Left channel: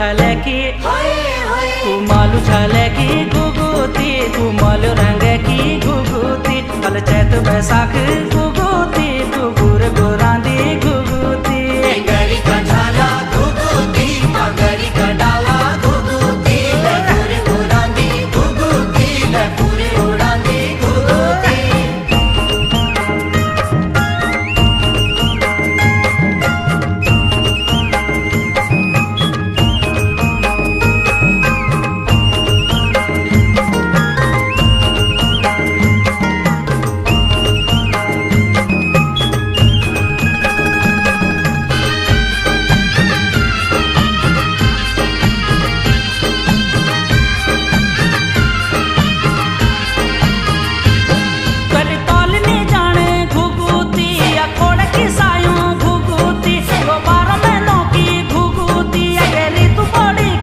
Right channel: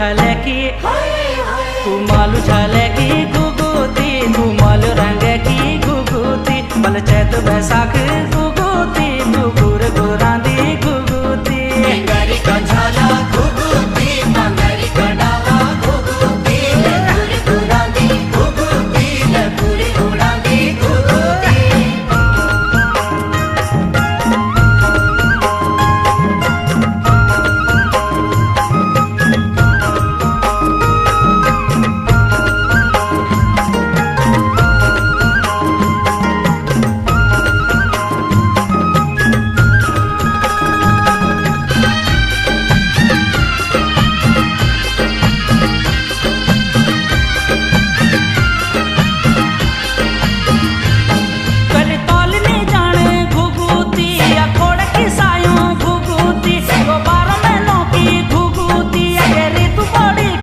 झाले की कुमालू झाले की गुगुती कुमालू रंग की गुगुती बल चैत बैसाख गुगुती गुगुर गुरांदी गुगुती